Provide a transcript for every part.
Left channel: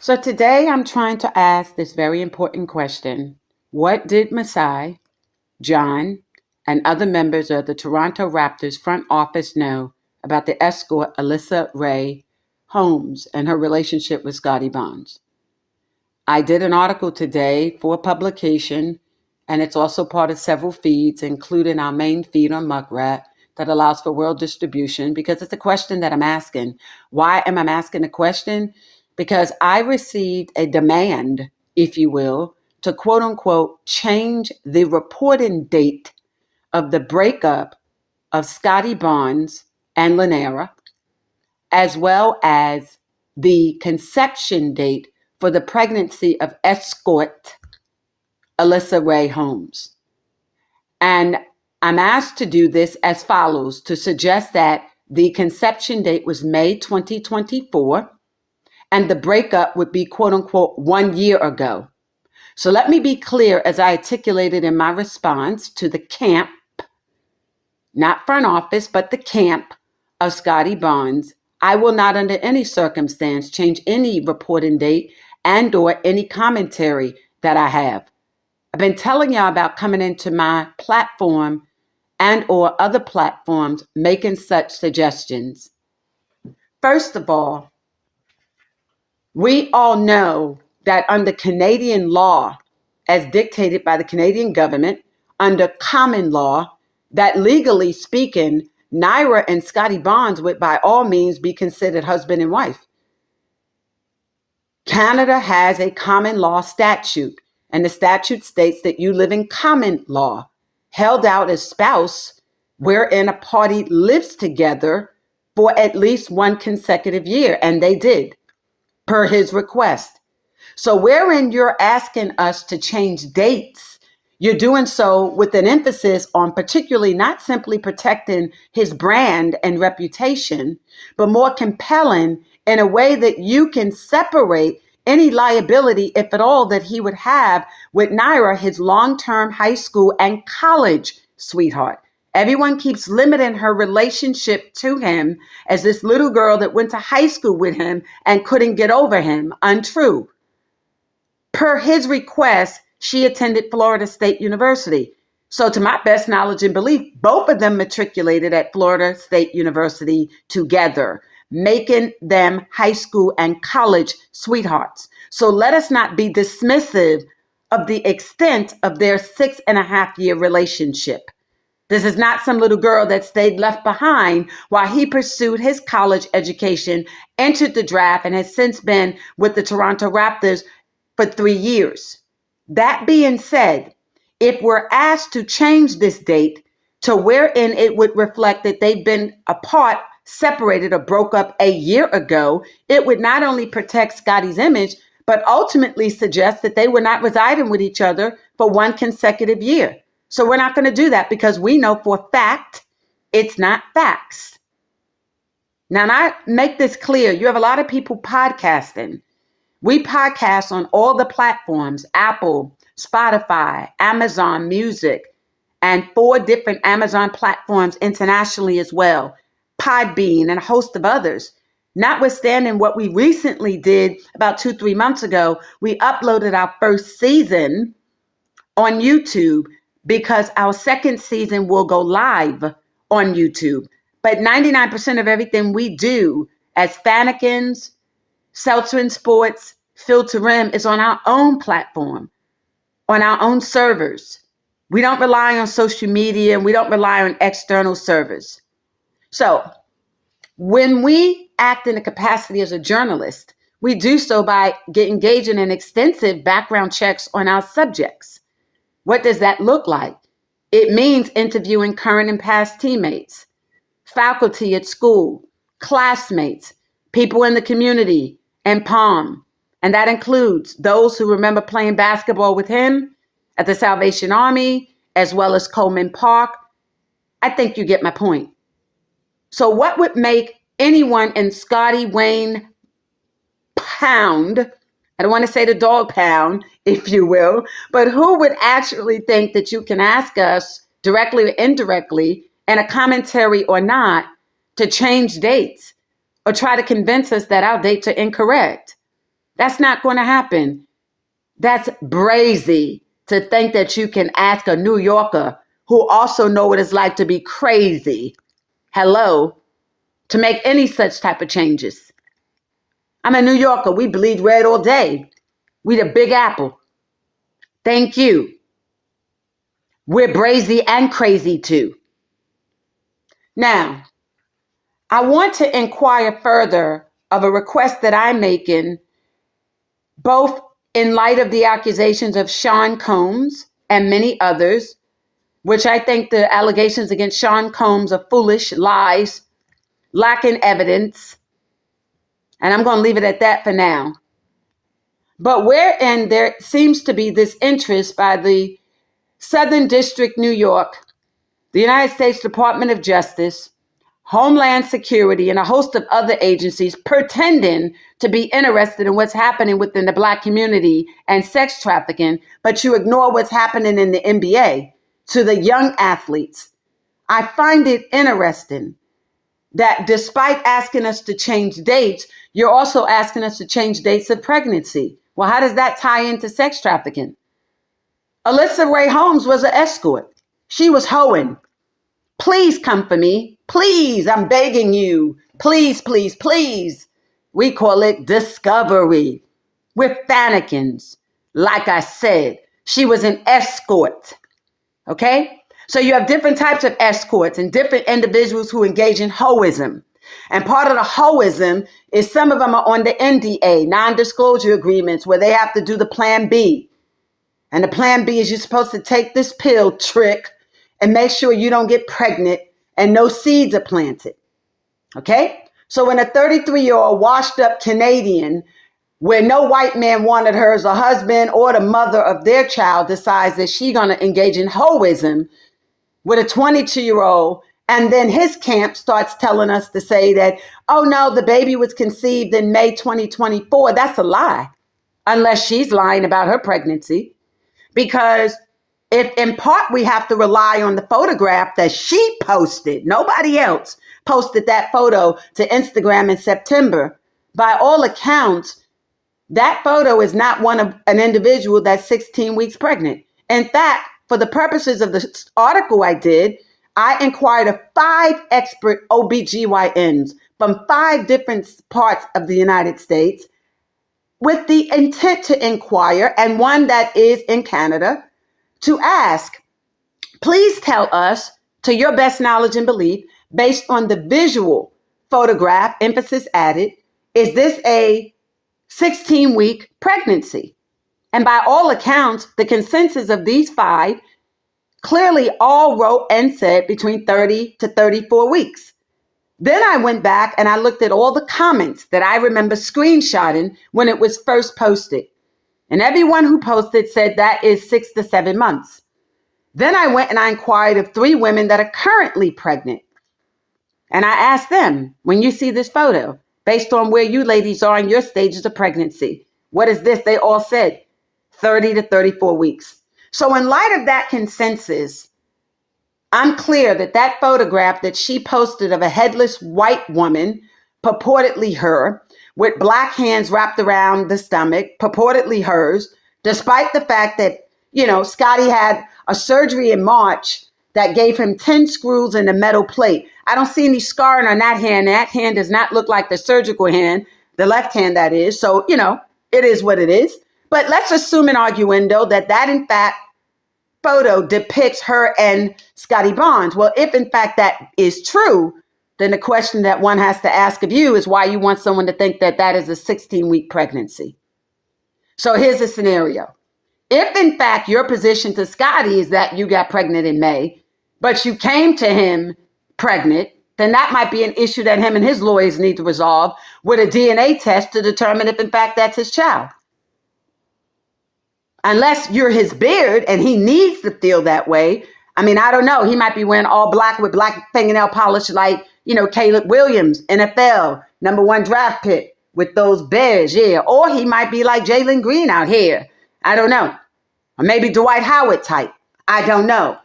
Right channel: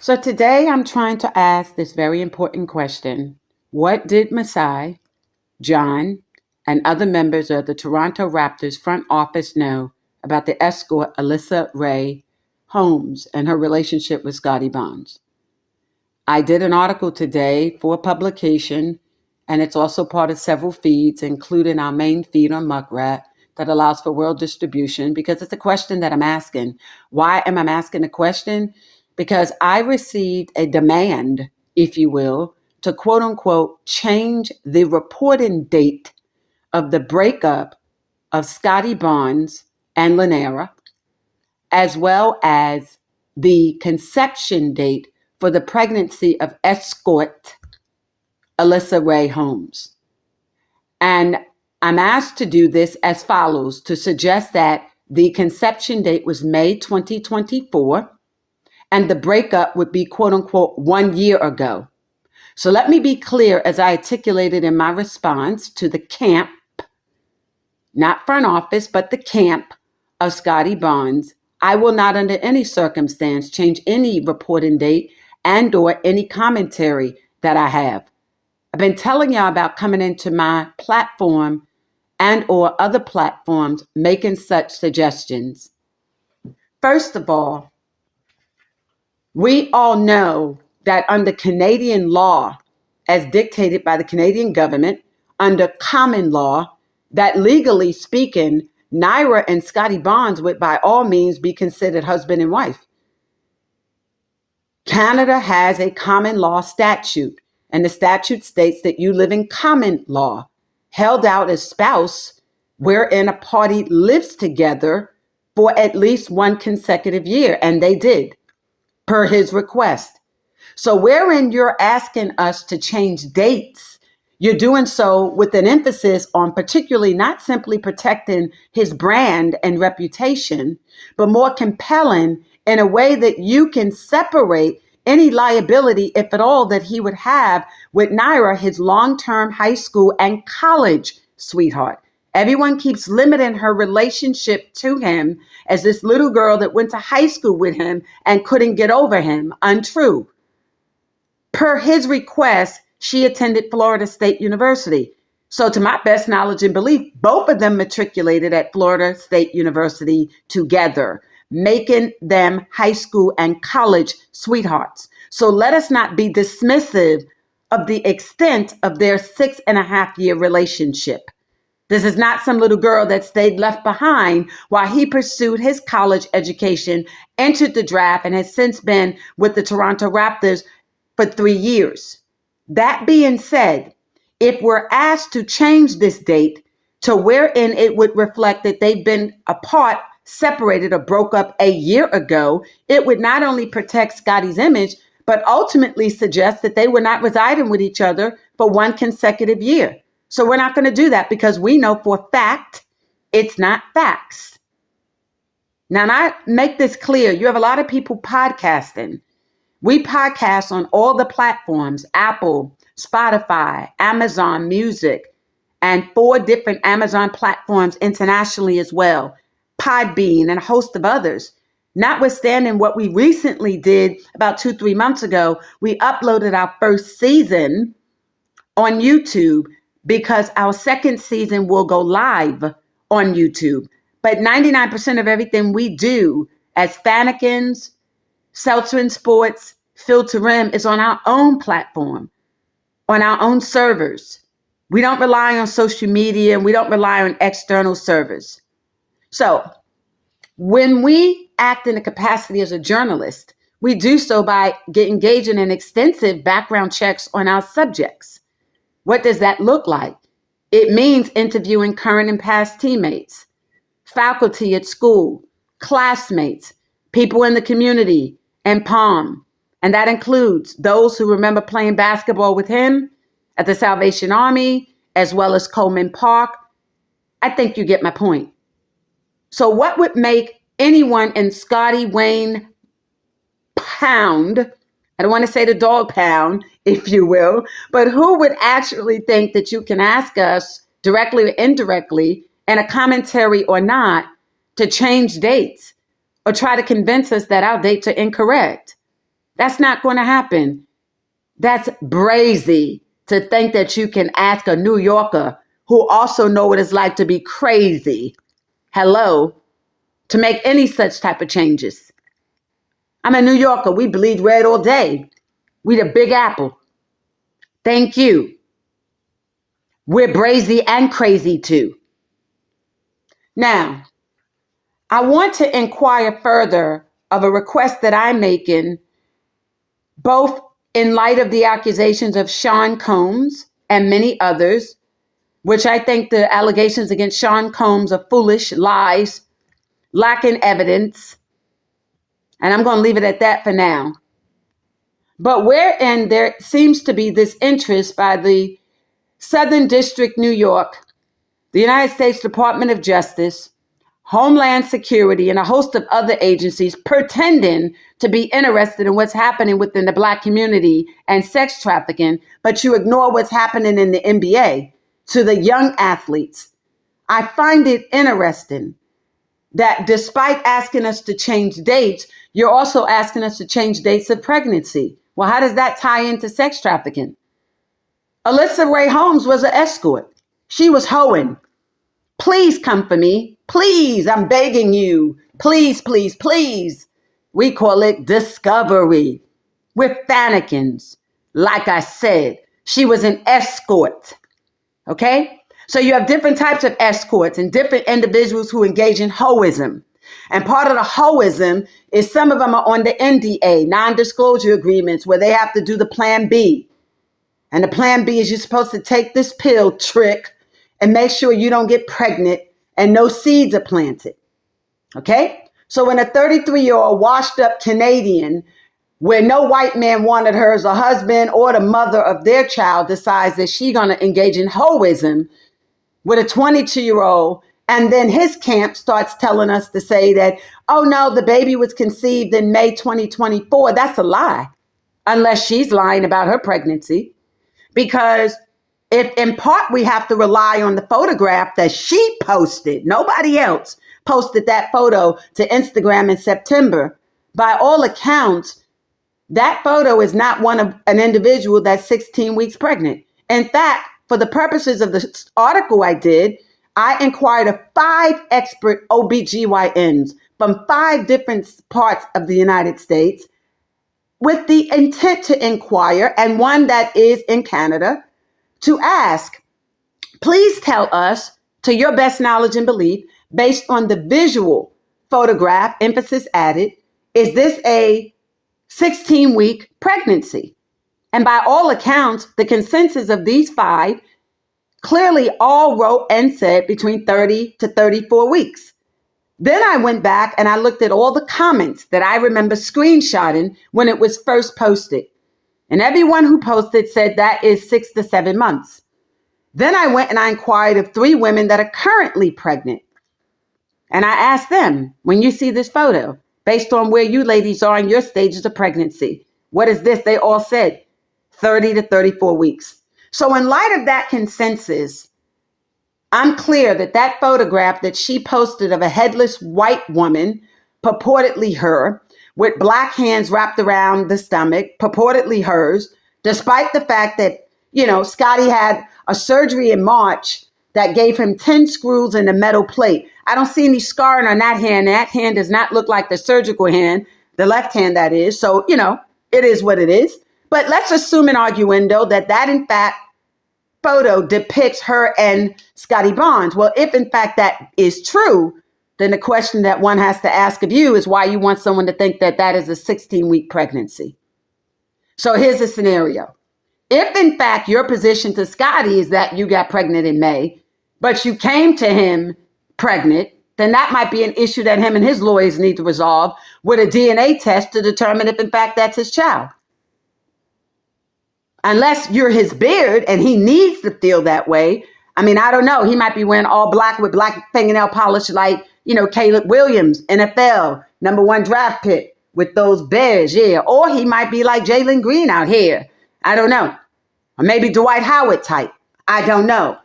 So today I'm trying to ask this very important question. What did Masai, John, and other members of the Toronto Raptors front office know about the escort Alyssa Rae Holmes and her relationship with Scottie Barnes? I did an article today for publication, and it's also part of several feeds, including our main feed on Muckrat that allows for world distribution, because it's a question that I'm asking. Why am I asking the question? Because I received a demand, if you will, to quote unquote change the reporting date of the breakup of Scottie Barnes and Lanaria, as well as the conception date for the pregnancy of escort Alyssa Rae Holmes. And I'm asked to do this as follows, to suggest that the conception date was May 2024 and the breakup would be quote unquote 1 year ago. So let me be clear, as I articulated in my response to the camp, not front office, but the camp of Scottie Barnes, I will not under any circumstance change any reporting date and or any commentary that I have. I've been telling y'all about coming into my platform and or other platforms making such suggestions. First of all, we all know that under Canadian law, as dictated by the Canadian government, under common law, that legally speaking, Nari and Scottie Barnes would by all means be considered husband and wife. Canada has a common law statute, and the statute states that you live in common law, held out as spouse, wherein a party lives together for at least one consecutive year, and they did, per his request. So wherein you're asking us to change dates, you're doing so with an emphasis on particularly not simply protecting his brand and reputation, but more compelling in a way that you can separate any liability, if at all, that he would have with Nari, his long-term high school and college sweetheart. Everyone keeps limiting her relationship to him as this little girl that went to high school with him and couldn't get over him. Untrue. Per his request, she attended Florida State University. So to my best knowledge and belief, both of them matriculated at Florida State University together, making them high school and college sweethearts. So let us not be dismissive of the extent of their 6.5-year relationship. This is not some little girl that stayed left behind while he pursued his college education, entered the draft, and has since been with the Toronto Raptors for 3 years. That being said, if we're asked to change this date to wherein it would reflect that they've been apart, separated, or broke up a year ago, it would not only protect Scottie's image, but ultimately suggest that they were not residing with each other for one consecutive year. So we're not going to do that because we know for a fact it's not facts. Now, and I make this clear. You have a lot of people podcasting. We podcast on all the platforms, Apple, Spotify, Amazon Music, and 4 different Amazon platforms internationally as well, Podbean, and a host of others. Notwithstanding what we recently did about 2-3 months ago, we uploaded our first season on YouTube because our second season will go live on YouTube. But 99% of everything we do as Fannikins, Seltzer and Sports, Filter Rim is on our own platform, on our own servers. We don't rely on social media and we don't rely on external servers. So when we act in the capacity as a journalist, we do so by engaging in extensive background checks on our subjects. What does that look like? It means interviewing current and past teammates, faculty at school, classmates, people in the community, and Palm. And that includes those who remember playing basketball with him at the Salvation Army, as well as Coleman Park. I think you get my point. So what would make anyone in Scottie Wayne pound, I don't want to say the dog pound, if you will, but who would actually think that you can ask us directly or indirectly, in a commentary or not, to change dates or try to convince us that our dates are incorrect? That's not going to happen. That's brazy to think that you can ask a New Yorker who also know what it's like to be crazy, hello, to make any such type of changes. I'm a New Yorker. We bleed red all day. We the Big Apple. Thank you. We're brazy and crazy too. Now, I want to inquire further of a request that I'm making, both in light of the accusations of Sean Combs and many others, which I think the allegations against Sean Combs are foolish lies, lacking evidence, and I'm going to leave it at that for now. But wherein there seems to be this interest by the Southern District, New York, the United States Department of Justice, Homeland Security, and a host of other agencies pretending to be interested in what's happening within the Black community and sex trafficking, but you ignore what's happening in the NBA to the young athletes. I find it interesting that despite asking us to change dates, you're also asking us to change dates of pregnancy. Well, how does that tie into sex trafficking? Alyssa Rae Holmes was an escort. She was hoeing. Please come for me. Please, I'm begging you. Please, please, please. We call it discovery. We're fannikins. Like I said, she was an escort. Okay? So you have different types of escorts and different individuals who engage in hoism. And part of the hoism is some of them are on the NDA, non-disclosure agreements, where they have to do the plan B. And the plan B is you're supposed to take this pill trick and make sure you don't get pregnant and no seeds are planted. Okay? So when a 33-year-old washed up Canadian, where no white man wanted her as a husband or the mother of their child, decides that she's going to engage in hoism with a 22-year-old, and then his camp starts telling us to say that, oh no, the baby was conceived in May 2024. That's a lie, unless she's lying about her pregnancy. Because if in part we have to rely on the photograph that she posted, nobody else posted that photo to Instagram in September. By all accounts, that photo is not one of an individual that's 16 weeks pregnant. In fact, for the purposes of the article I did, I inquired of 5 expert OBGYNs from 5 different parts of the United States with the intent to inquire, and one that is in Canada, to ask, please tell us, to your best knowledge and belief, based on the visual photograph, emphasis added, is this a 16-week pregnancy? And by all accounts, the consensus of these 5 clearly all wrote and said between 30 to 34 weeks. Then I went back and I looked at all the comments that I remember screenshotting when it was first posted. And everyone who posted said that is 6 to 7 months. Then I went and I inquired of 3 women that are currently pregnant. And I asked them, when you see this photo, based on where you ladies are in your stages of pregnancy, what is this? They all said 30 to 34 weeks. So in light of that consensus, I'm clear that that photograph that she posted of a headless white woman, purportedly her, with black hands wrapped around the stomach, purportedly hers, despite the fact that, Scottie had a surgery in March that gave him 10 screws and a metal plate. I don't see any scarring on that hand. That hand does not look like the surgical hand, the left hand that is. So, it is what it is. But let's assume an arguendo that in fact, photo depicts her and Scottie Barnes. Well, if in fact that is true, then the question that one has to ask of you is why you want someone to think that that is a 16-week pregnancy. So here's the scenario. If in fact your position to Scottie is that you got pregnant in May, but you came to him pregnant, then that might be an issue that him and his lawyers need to resolve with a DNA test to determine if in fact that's his child. Unless you're his beard and he needs to feel that way. I mean, I don't know. He might be wearing all black with black fingernail polish like, Caleb Williams, NFL, #1 draft pick with those Bears, yeah. Or he might be like Jalen Green out here. I don't know. Or maybe Dwight Howard type. I don't know.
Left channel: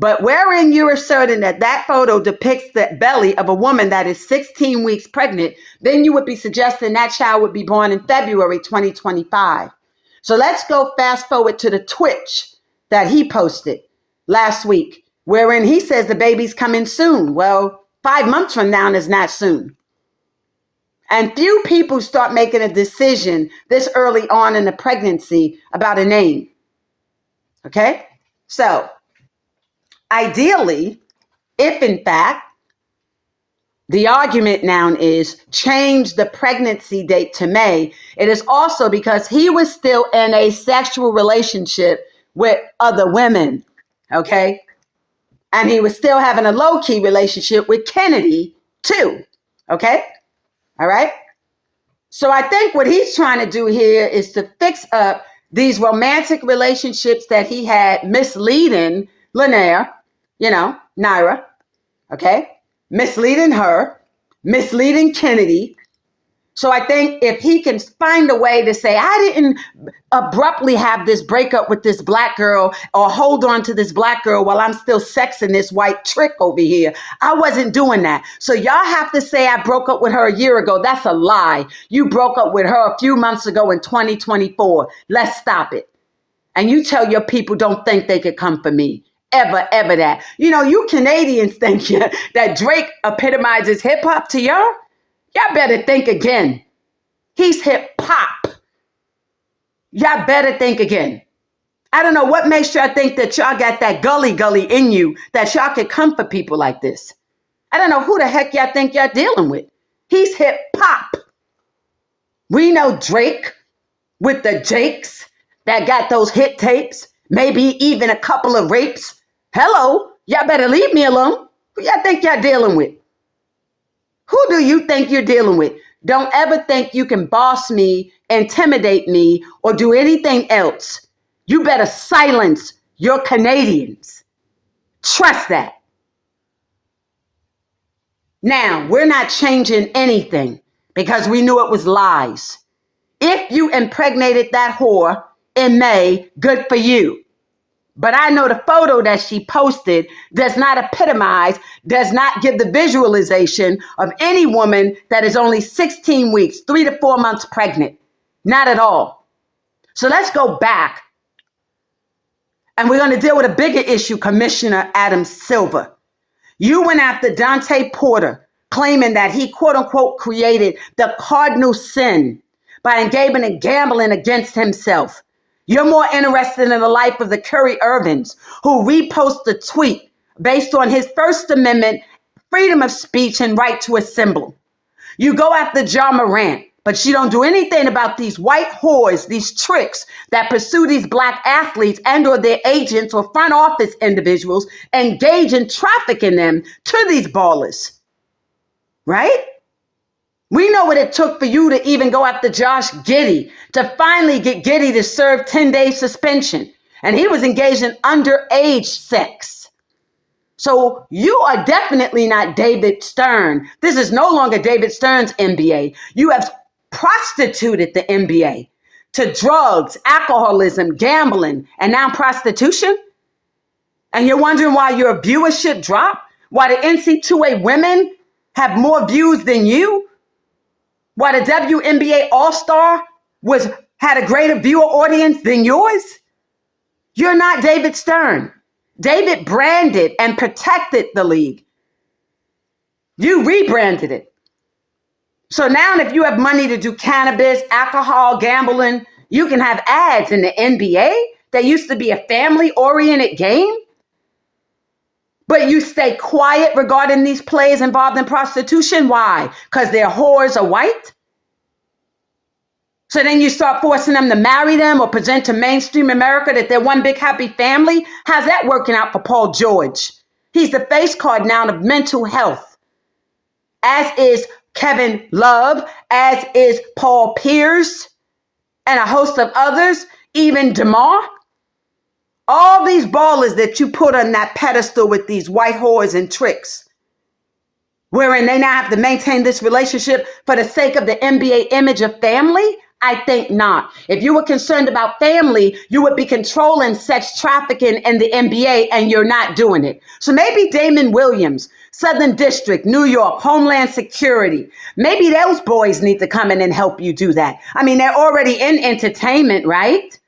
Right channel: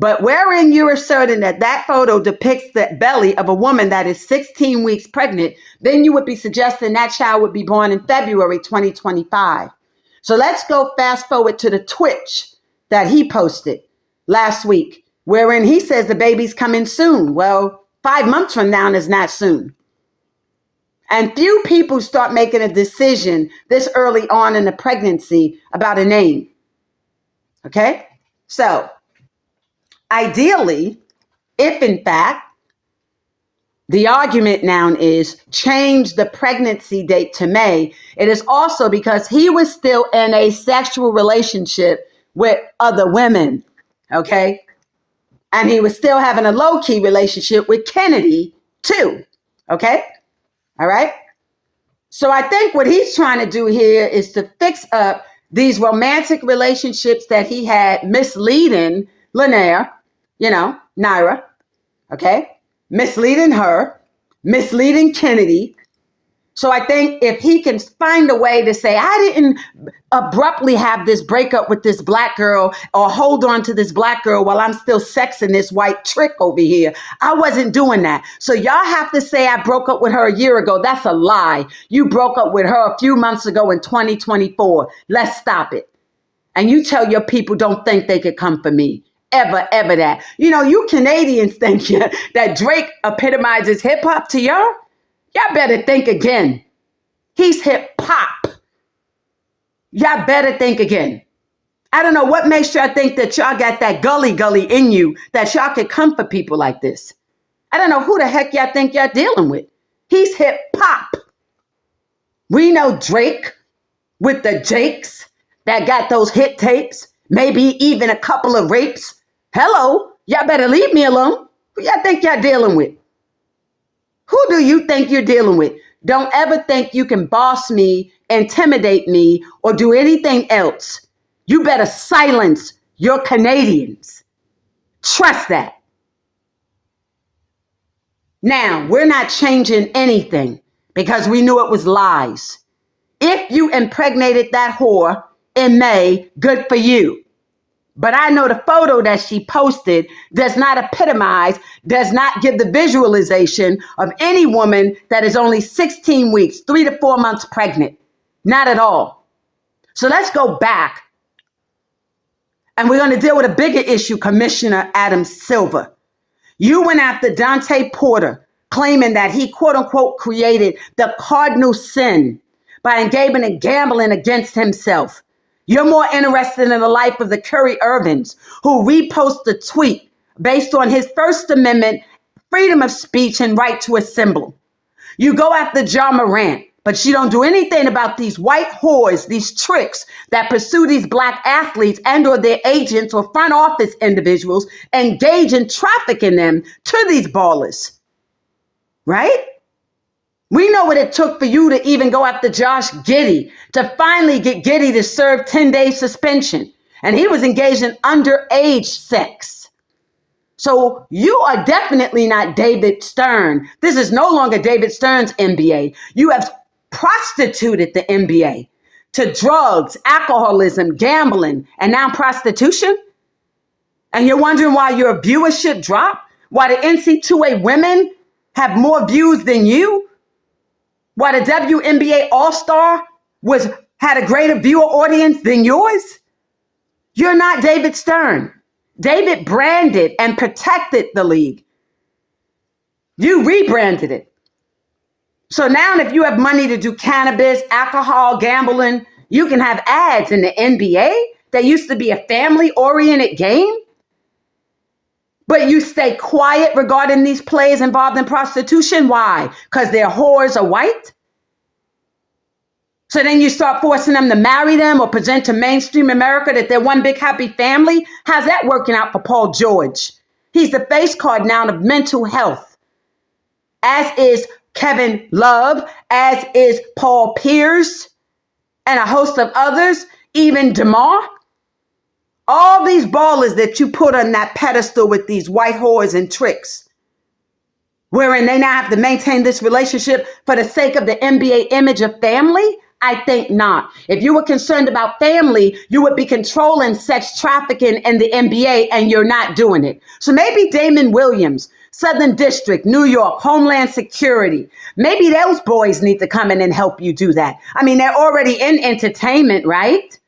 But wherein you're asserting that that photo depicts the belly of a woman that is 16 weeks pregnant, then you would be suggesting that child would be born in February 2025. So let's go fast forward to the Twitch that he posted last week, wherein he says the baby's coming soon. Well, 5 months from now is not soon. And few people start making a decision this early on in the pregnancy about a name. Okay? So, ideally, if in fact, the argument now is change the pregnancy date to May, it is also because he was still in a sexual relationship with other women, okay? And he was still having a low-key relationship with Kennedy too, okay? All right? So I think what he's trying to do here is to fix up these romantic relationships that he had, misleading Lanaria, Naira, okay? Misleading her, misleading Kennedy. So I think if he can find a way to say, I didn't abruptly have this breakup with this black girl or hold on to this black girl while I'm still sexing this white trick over here. I wasn't doing that. So y'all have to say I broke up with her a year ago. That's a lie. You broke up with her a few months ago in 2024. Let's stop it. And you tell your people don't think they could come for me. Ever that. You Canadians think that Drake epitomizes hip hop to y'all? Y'all better think again. He's hip hop. Y'all better think again. I don't know what makes y'all think that y'all got that gully in you, that y'all could come for people like this. I don't know who the heck y'all think y'all dealing with. He's hip hop. We know Drake with the Jakes that got those hit tapes, maybe even a couple of rapes. Hello, y'all better leave me alone. Who y'all think y'all dealing with? Who do you think you're dealing with? Don't ever think you can boss me, intimidate me, or do anything else. You better silence your Canadians. Trust that. Now, we're not changing anything because we knew it was lies. If you impregnated that whore in May, good for you. But I know the photo that she posted does not epitomize, does not give the visualization of any woman that is only 16 weeks, 3 to 4 months pregnant. Not at all. So let's go back. And we're going to deal with a bigger issue, Commissioner Adam Silver. You went after Dante Porter, claiming that he, quote unquote, created the cardinal sin by engaging in gambling against himself. You're more interested in the life of the Curry Irvins, who repost the tweet based on his First Amendment freedom of speech and right to assemble. You go after John Morant, but you don't do anything about these white whores, these tricks that pursue these black athletes and or their agents or front office individuals, engage in trafficking them to these ballers, right? We know what it took for you to even go after Josh Giddey, to finally get Giddey to serve 10-day suspension. And he was engaged in underage sex. So you are definitely not David Stern. This is no longer David Stern's NBA. You have prostituted the NBA to drugs, alcoholism, gambling, and now prostitution. And you're wondering why your viewership dropped? Why the NCAA women have more views than you? Why the WNBA All-Star had a greater viewer audience than yours? You're not David Stern. David branded and protected the league. You rebranded it. So now if you have money to do cannabis, alcohol, gambling, you can have ads in the NBA that used to be a family-oriented game. But you stay quiet regarding these plays involved in prostitution. Why? Because their whores are white? So then you start forcing them to marry them or present to mainstream America that they're one big happy family? How's that working out for Paul George? He's the face card now of mental health. As is Kevin Love, as is Paul Pierce, and a host of others, even DeMar. All these ballers that you put on that pedestal with these white whores and tricks, wherein they now have to maintain this relationship for the sake of the NBA image of family. I think not. If you were concerned about family, you would be controlling sex trafficking in the NBA, and you're not doing it. So maybe Damon Williams, Southern District, New York, Homeland Security, maybe those boys need to come in and help you do that. I mean, they're already in entertainment, right?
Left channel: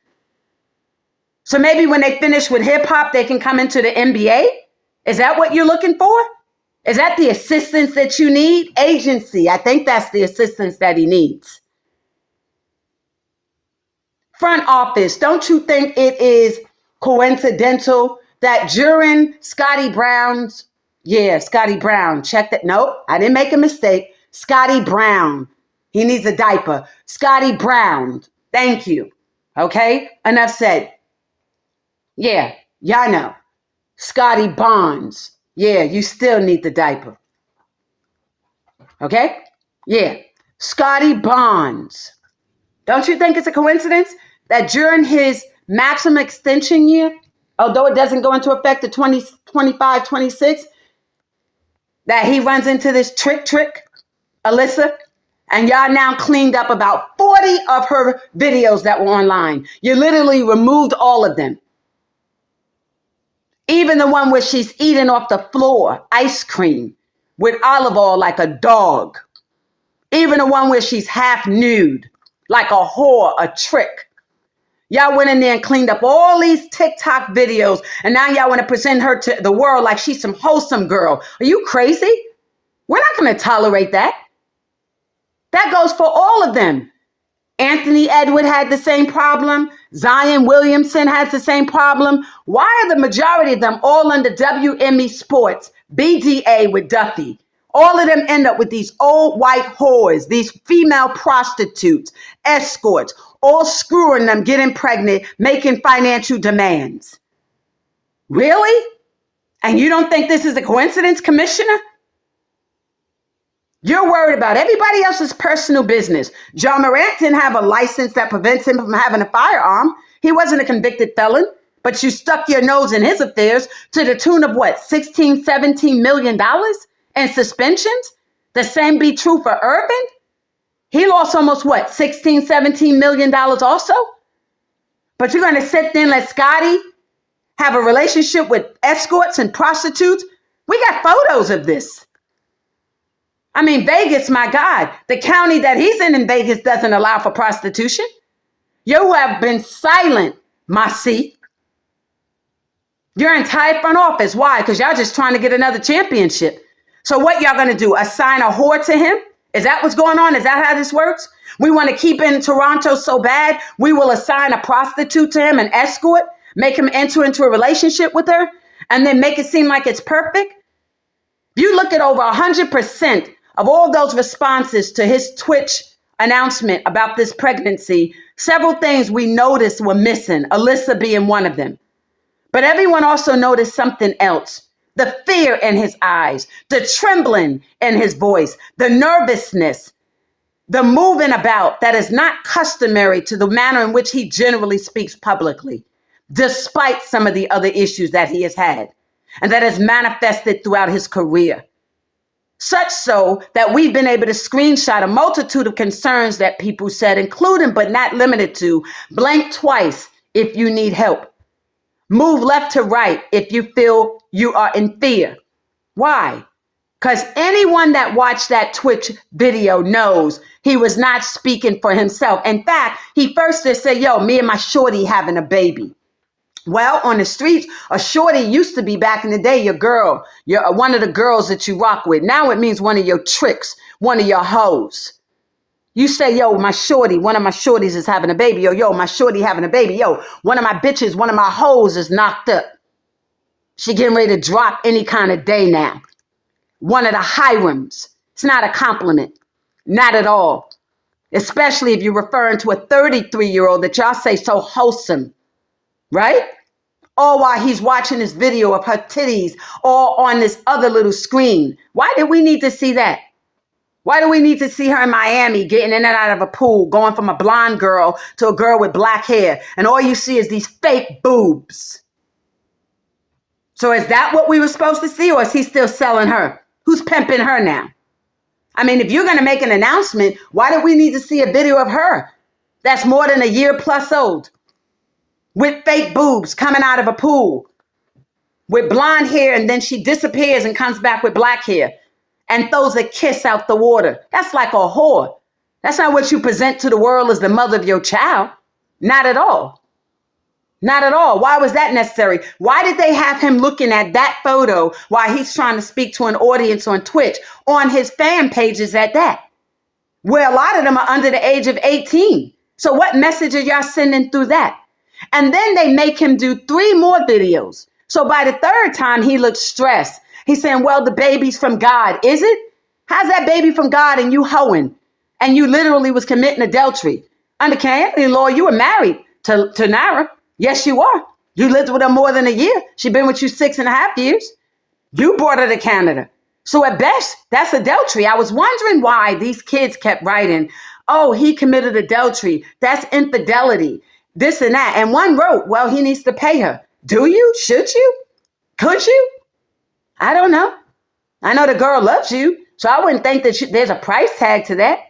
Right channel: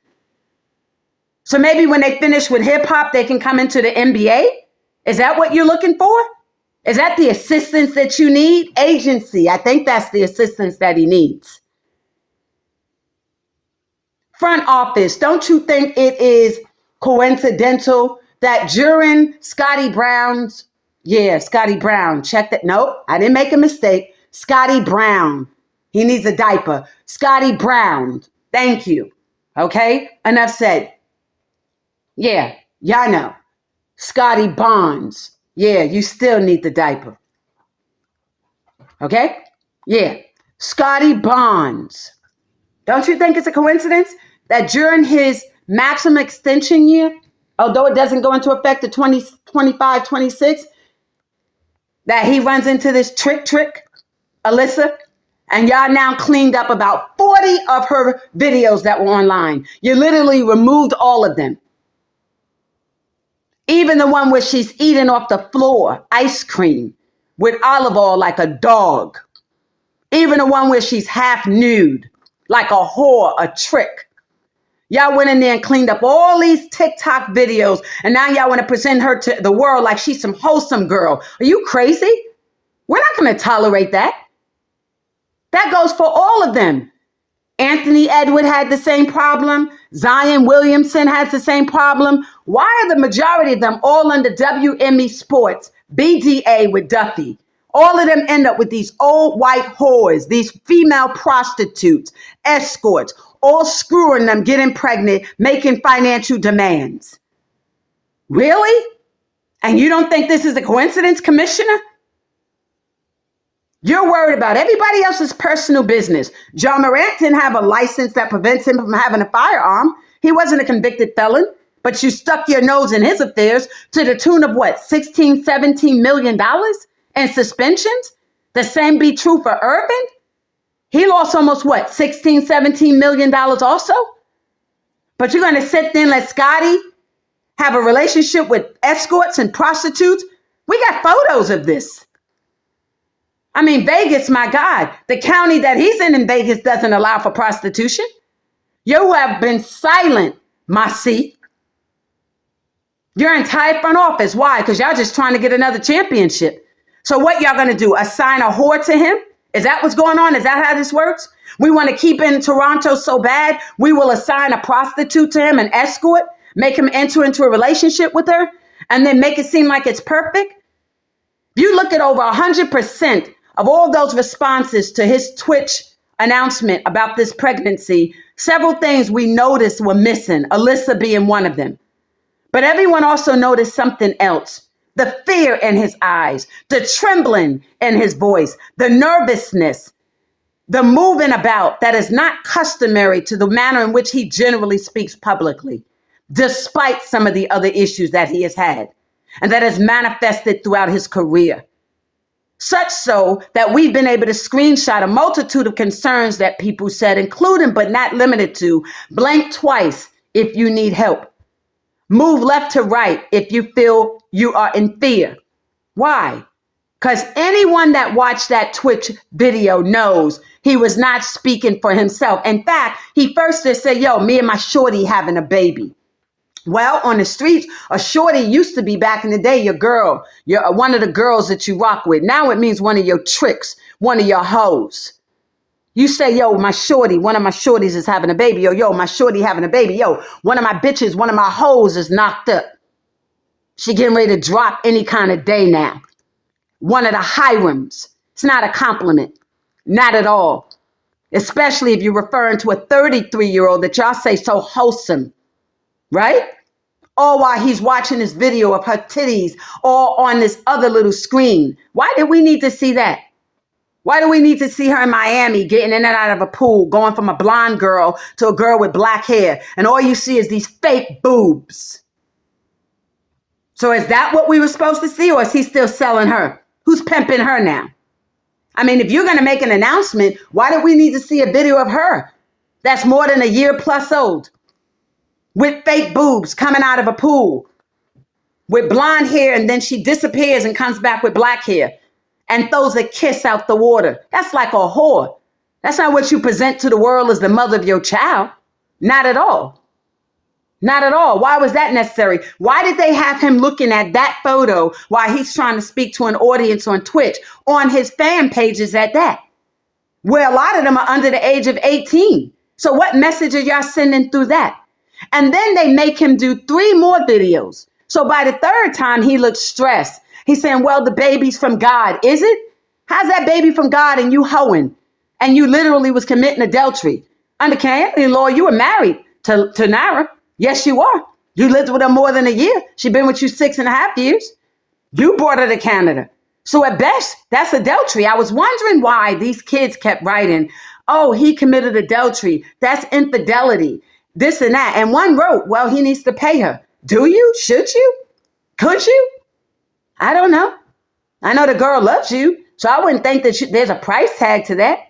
So maybe when they finish with hip hop, they can come into the NBA? Is that what you're looking for? Is that the assistance that you need? Agency. I think that's the assistance that he needs. Front office. Don't you think it is coincidental that during Scottie Brown, check that. Nope, I didn't make a mistake. Scottie Brown. He needs a diaper. Scottie Brown. Thank you. Okay? Enough said. Yeah, y'all know. Scottie Bonds. Yeah, you still need the diaper. Okay? Yeah. Scottie Bonds. Don't you think it's a coincidence that during his maximum extension year, although it doesn't go into effect to 2025, 26, that he runs into this trick, Alyssa, and y'all now cleaned up about 40 of her videos that were online. You literally removed all of them. Even the one where she's eating off the floor, ice cream, with olive oil like a dog. Even the one where she's half nude, like a whore, a trick. Y'all went in there and cleaned up all these TikTok videos, and now y'all want to present her to the world like she's some wholesome girl. Are you crazy? We're not going to tolerate that. That goes for all of them. Anthony Edward had the same problem. Zion Williamson has the same problem. Why are the majority of them all under WME Sports, BDA with Duffy? All of them end up with these old white whores, these female prostitutes, escorts, all screwing them, getting pregnant, making financial demands. Really? And you don't think this is a coincidence, Commissioner? You're worried about everybody else's personal business. John Morant didn't have a license that prevents him from having a firearm. He wasn't a convicted felon, but you stuck your nose in his affairs to the tune of what, $16, $17 million in suspensions? The same be true for Irvin? He lost almost what, $16, $17 million also? But you're going to sit there and let Scottie have a relationship with escorts and prostitutes? We got photos of this. I mean, Vegas, my God, the county that he's in Vegas doesn't allow for prostitution. You have been silent, Masi. Your entire front office. Why? Because y'all just trying to get another championship. So what y'all going to do? Assign a whore to him? Is that what's going on? Is that how this works? We want to keep in Toronto so bad, we will assign a prostitute to him, an escort, make him enter into a relationship with her, and then make it seem like it's perfect? You look at over 100% of all those responses to his Twitch announcement about this pregnancy, several things we noticed were missing, Alyssa being one of them. But everyone also noticed something else. The fear in his eyes, the trembling in his voice, the nervousness, the moving about that is not customary to the manner in which he generally speaks publicly, despite some of the other issues that he has had and that has manifested throughout his career. Such so that we've been able to screenshot a multitude of concerns that people said, including but not limited to, blink twice if you need help. Move left to right if you feel you are in fear. Why? Because anyone that watched that Twitch video knows he was not speaking for himself. In fact, he first just said, yo, me and my shorty having a baby. Well, on the streets, a shorty used to be back in the day, your girl, one of the girls that you rock with. Now it means one of your tricks, one of your hoes. You say, yo, my shorty, one of my shorties is having a baby. Yo, my shorty having a baby. Yo, one of my bitches, one of my hoes is knocked up. She getting ready to drop any kind of day now. One of the Hiram's. It's not a compliment. Not at all. Especially if you're referring to a 33-year-old that y'all say so wholesome. Right? All while he's watching this video of her titties all on this other little screen. Why do we need to see that? Why do we need to see her in Miami getting in and out of a pool, going from a blonde girl to a girl with black hair, and all you see is these fake boobs? So is that what we were supposed to see, or is he still selling her? Who's pimping her now? I mean, if you're going to make an announcement, why do we need to see a video of her? that's more than a year plus old, with fake boobs coming out of a pool, with blonde hair, and then she disappears and comes back with black hair and throws a kiss out the water. That's like a whore. That's not what you present to the world as the mother of your child. Not at all. Not at all. Why was that necessary? Why did they have him looking at that photo while he's trying to speak to an audience on Twitch, on his fan pages at that, where a lot of them are under the age of 18? So what message are y'all sending through that? And then they make him do 3 more videos. So by the 3rd time, he looks stressed. He's saying, well, the baby's from God. Is it? How's that baby from God and you hoeing? And you literally was committing adultery. Under Canadian law, you were married to Nari. Yes, you are. You lived with her more than a year. She been with you 6.5 years. You brought her to Canada. So at best, that's adultery. I was wondering why these kids kept writing, oh, he committed adultery. That's infidelity. This and that. And one wrote, well, he needs to pay her. Do you? Should you? Could you? I don't know. I know the girl loves you, so I wouldn't think that there's a price tag to that.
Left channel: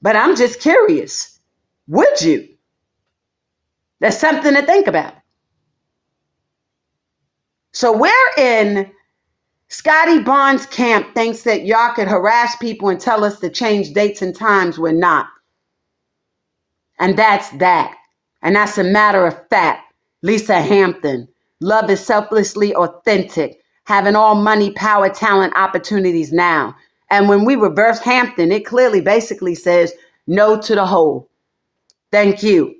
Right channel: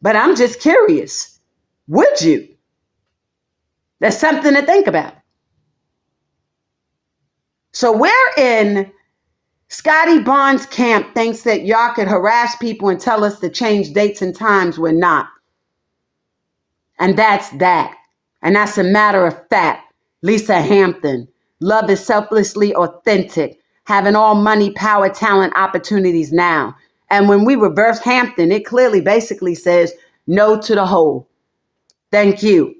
But I'm just curious. Would you? There's something to think about. So wherein Scottie Barnes' camp thinks that y'all could harass people and tell us to change dates and times, we're not. And that's that. And that's a matter of fact. Lisa Hampton. Love is selflessly authentic. Having all money, power, talent, opportunities now. And when we reverse Hampton, it clearly basically says no to the whole. Thank you.